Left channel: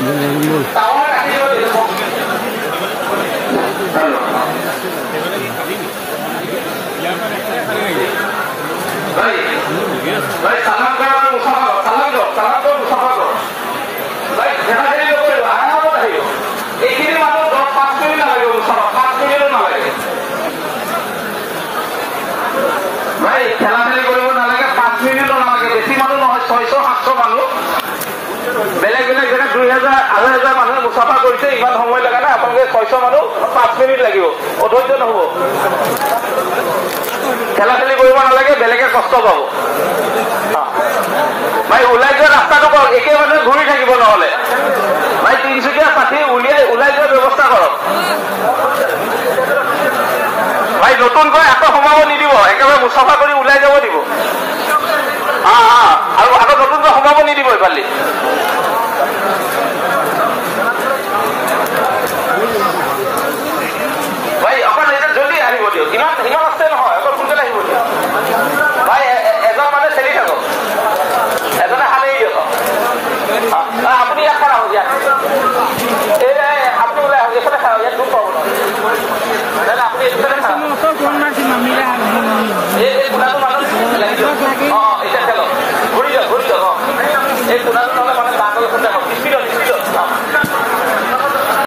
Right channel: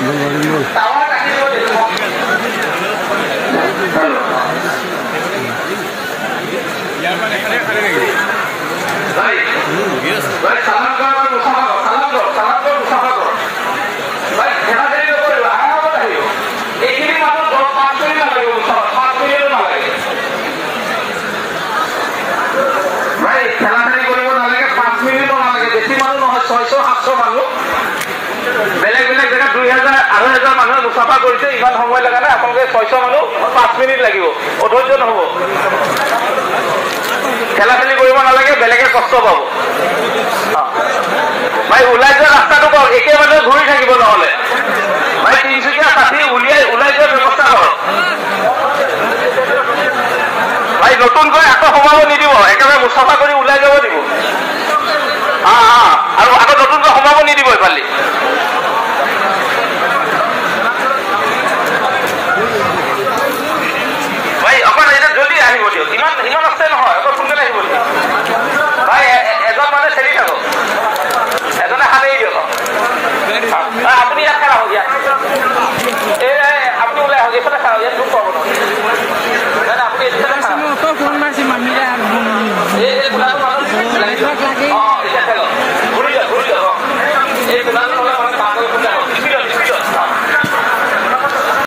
এইখিনি মানুহ 10-5 মিনিট নালাগে, 5 মিনিটো নালাগে। ভাই খেলা খেলি কৰিব নালাগে, 5 মিনিটো নালাগে, বেছি মানুহ নহয়, 600-700 মানুহ বেলেগ বেলেগ জেগাত 2000-2500 মানুহে মুছাফা কৰিছে, ইমান সময় লগা নাই। আপোনালোকে 600 মানুহ 5 মিনিট লাগিব, অধৈৰ্য নহব। খেলা খেলি কৰিব নালাগে, বেলেগে কষ্ট পাব। ভাই ওলাই যোৱা ৰাস্তাটো কওক, একে মানুহে ঘূৰি থাকিব নহলে। ভাই তিনিচুকীয়া কাঠি ওলাই যোৱাৰ ব্যৱস্থা কৰক। ভাই নতুনকৈ আকৌ সোমাব নিদিব, একেবাৰে মুছাফা কৰি ওলাই যাব দিব। আৰু আকৌ নতুনকৈ সোমাব নিদিব এইফালে। ভাই অকণ এতিয়া জলদি আহিব দিয়ক, ইমান আছে নহয়, অকণ সোনকালে আহিব দিয়ক। ভাই এজন মানুহে চেলি থাকক, এজনে সাৰি দিয়ক। আপুনি ইয়াত খাৰাব ইয়াত।